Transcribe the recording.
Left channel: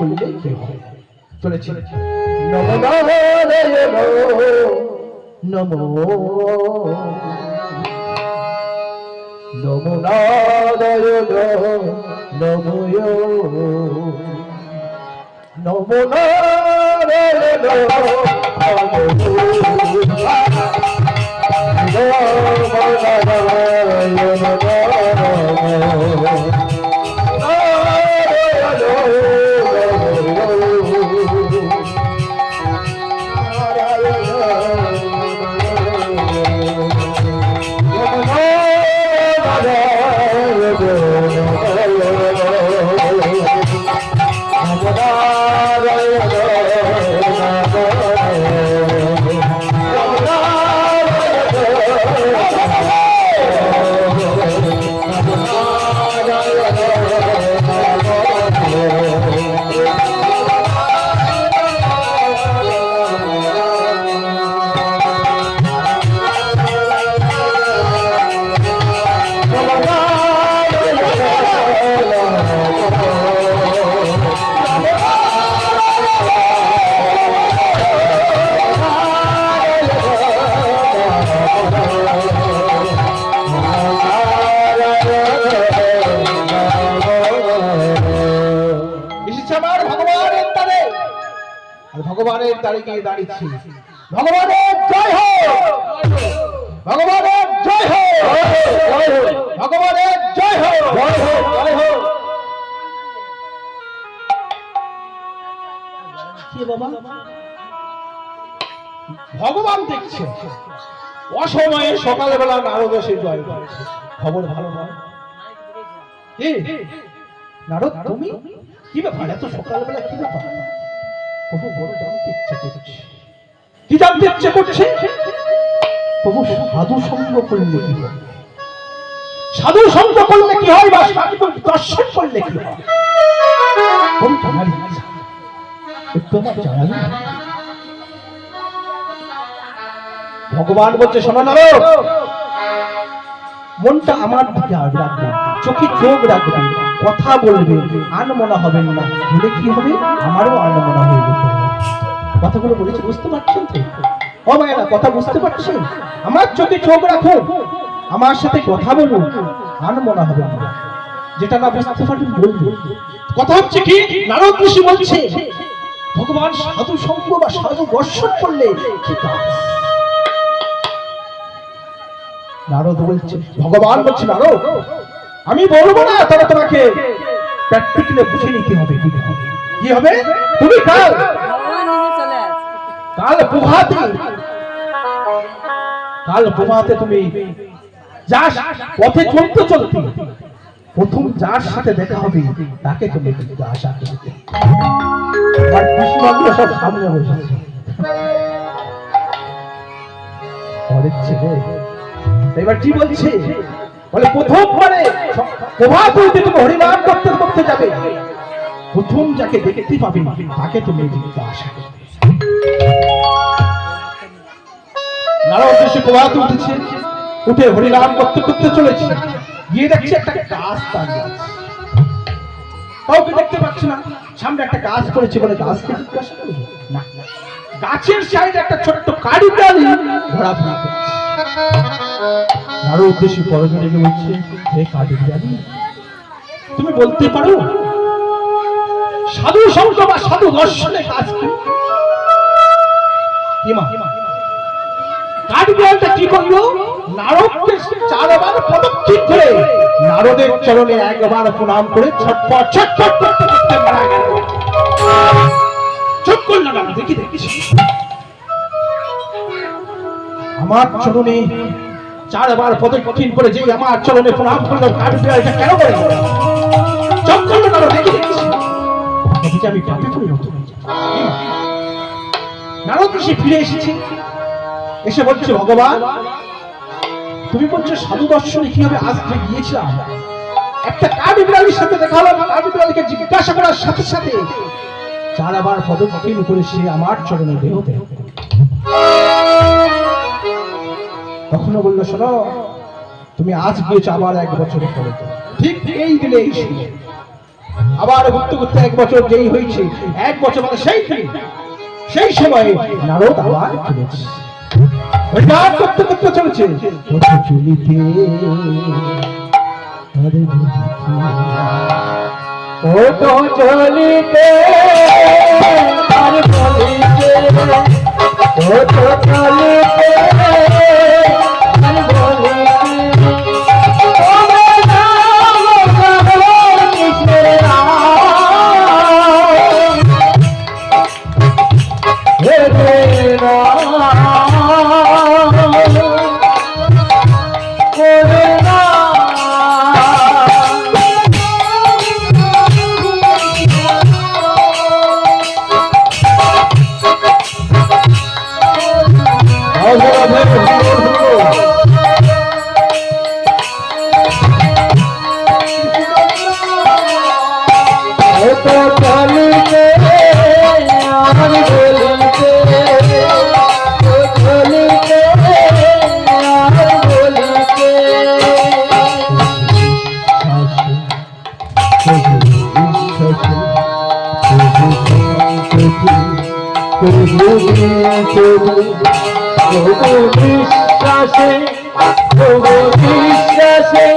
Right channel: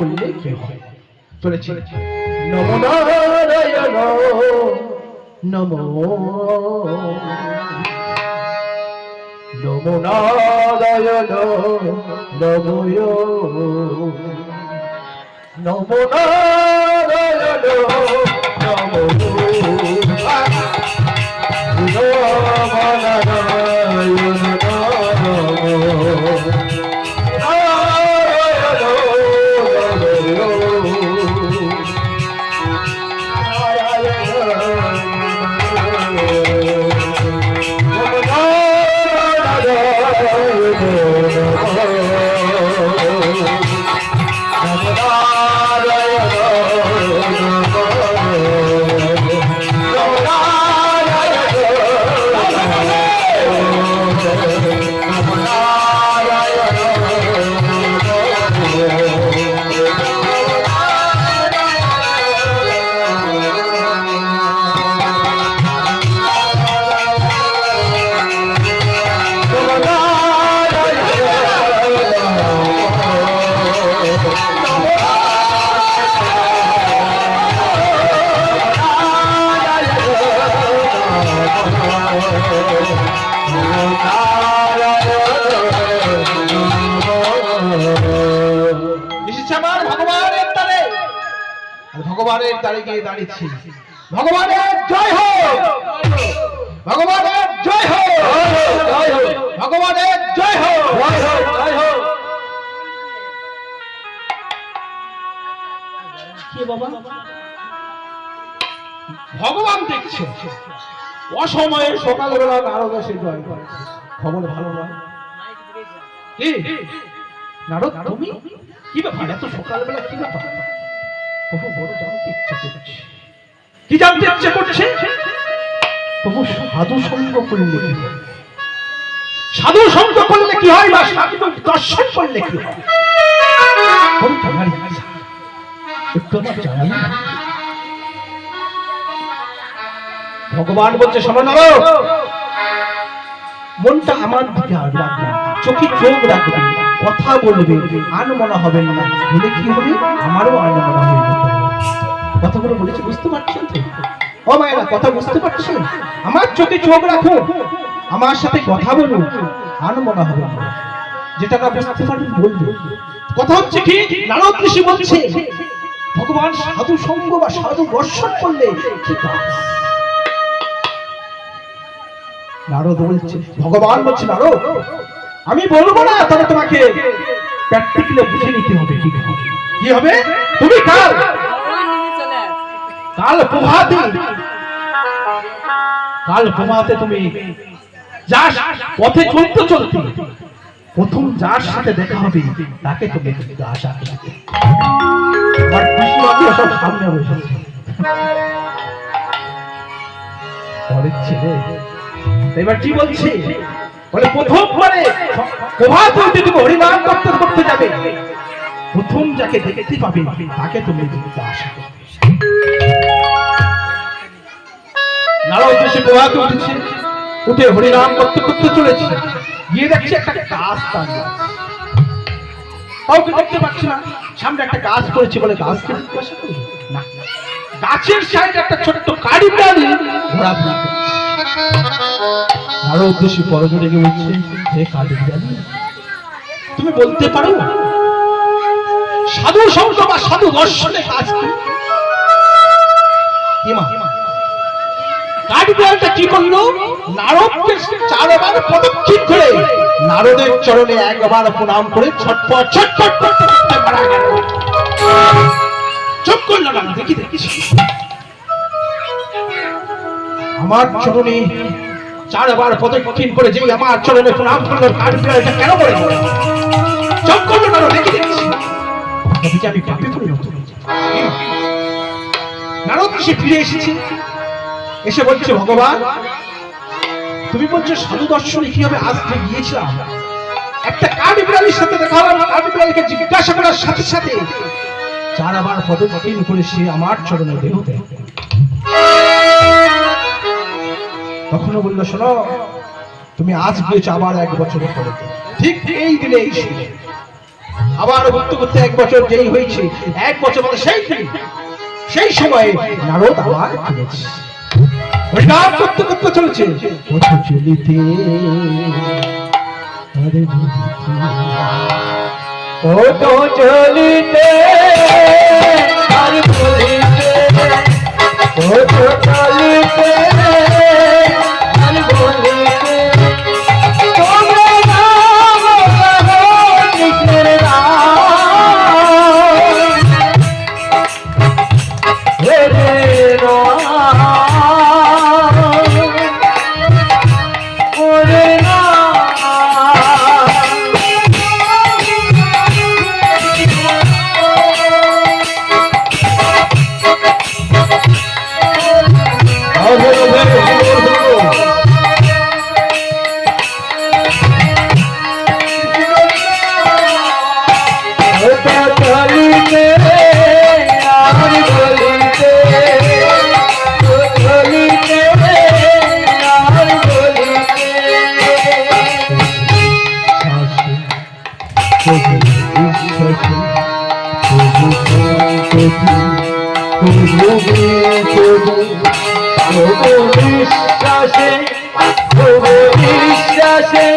করলে কি হয়। চলেছি নমো নারায়ণ নমো নমো নারায়ণ নমো নমো নারায়ণ ভগবানের দ্বারে গিয়ে দাঁড়িয়েছি। ভগবানের জয় হোক, ভগবানের জয় হোক, ভগবানের জয় হোক, জয় হোক। কি বাবা ভগবান দেখছে অসময়ে সকালবেলা নারদ এসে জয় করছে, খবর ভালো নয়। নারদ তুমি কি ব্যাপার এত সকালবেলা, কি ব্যাপার? প্রভু বড় জানতে ইচ্ছে করছে। কি জানতে ইচ্ছে করছে? প্রভু সাধু সঙ্গ করলে কি হয়, সাধু সঙ্গ করলে কি হয়, বা সাধু দর্শন করলে কি হয়? ভগবান বলছে শোনো নারদ, মনটা আমার দিকে রাখবে, চোখে চোখ রাখবে, কথা বলবে, আনমনা হবেন না, বলে কি হবে আমারও আনমনা হয়ে যেতে হবে। কথাগুলো বলেছি বুঝতে পারছেন তো? ও মায়েরা কথা বুঝতে পারছেন? আমার চোখে চোখ রাখুন, আমার সাথে কথা বলুন, আনমনা হবে না, যেটা না বুঝতে পারবেন বলবো। কথা হচ্ছে কি, নারদ ঋষি বলছে ভগবান সাধু সঙ্গ বা সাধু দর্শন করলে কি কাজ? নারদ বলছে, ভগবান বলছে নারদ আমি বলবো না, তবে তোমাকে প্র্যাকটিক্যালি বুঝে নিতে হবে। কি হবে? কি হবে? তুমি কাল প্রভাতে তুমি যার পথে চলতে চলতে প্রথম যার সাথে দেখা হবে তাকে তুমি আশা করবে। সব সামনে বসেছে ছেলে, এবার কি বলছে বলে প্রথমবারে প্রভাত হইতে তুমি হরিনাম করতে করতে যাবে, প্রথম যাকে দেখতে পাবে তাকে তুমি আশা করবে। নারদ ঋষি প্রভাতে উঠেছে, উঠে হরিনাম করতে করতে চলেছে, গিয়ে দেখছে একটা গাছ দাঁড়িয়ে আছে, কাউকে দেখতে পাচ্ছি না, সামনে একটা গাছ পড়েছে বলে গাছকে জিজ্ঞাসা করবে না, গাছের সাইডে একটা ছোট্ট কারি প্রাণী ঘোরাঘুরি করছে। নারদ ঋষি পরজনে রেগে বলছে, হে কারি প্রাণী তুমি বলতে পারো সাধু সঙ্গ বা সাধু দর্শনে কাজ কি? কাঠবিড়ালটা কি করলো, নারদকে চারবার পদক্ষেপ করে নারদের চরণে একবার প্রণাম করে ছটপট ছটপট করতে করতে মারা গেল। চুপ করলো না, দেখি দেখি আমার চরণে চারবার পদক্ষেপ করে যেই আমার চরণে প্রণাম করলো, কাঠবিড়ালটা কেন করে চুপ করলো না, দেখি দেখি আমি পাপে পরিণত হয়েছি। নারদ ঋষি ফিরে এসেছে, এসে বলছে ভগবান তুমি বলছো সাধু দর্শনে কিভাবে আসতে গিয়েছিলাম, একটা কাঠবিড়ালির সাথে দেখা হলো, কাঠবিড়ালিকে জিজ্ঞাসা করার সাথে সাথে চারবার পদক্ষেপ করে সে আমার চরণে দেহ দেয়। তখনও বললো শোনো তুমি আজ গিয়েছো আবার 1 বছর পরে, ঠিক এই দিনে এই শুনে আবার ঘুরতে ঘুরতে 1 বছর যেই হয়েছে, 1 বছর মানে সেই সময়ে নারদ আবার চলেছে, হরিনাম করতে করতে চলেছে। পথ চলিতে পথ চলিতে আর বলিতে, পথ চলিতে আর বলিতে বিশ্বাসে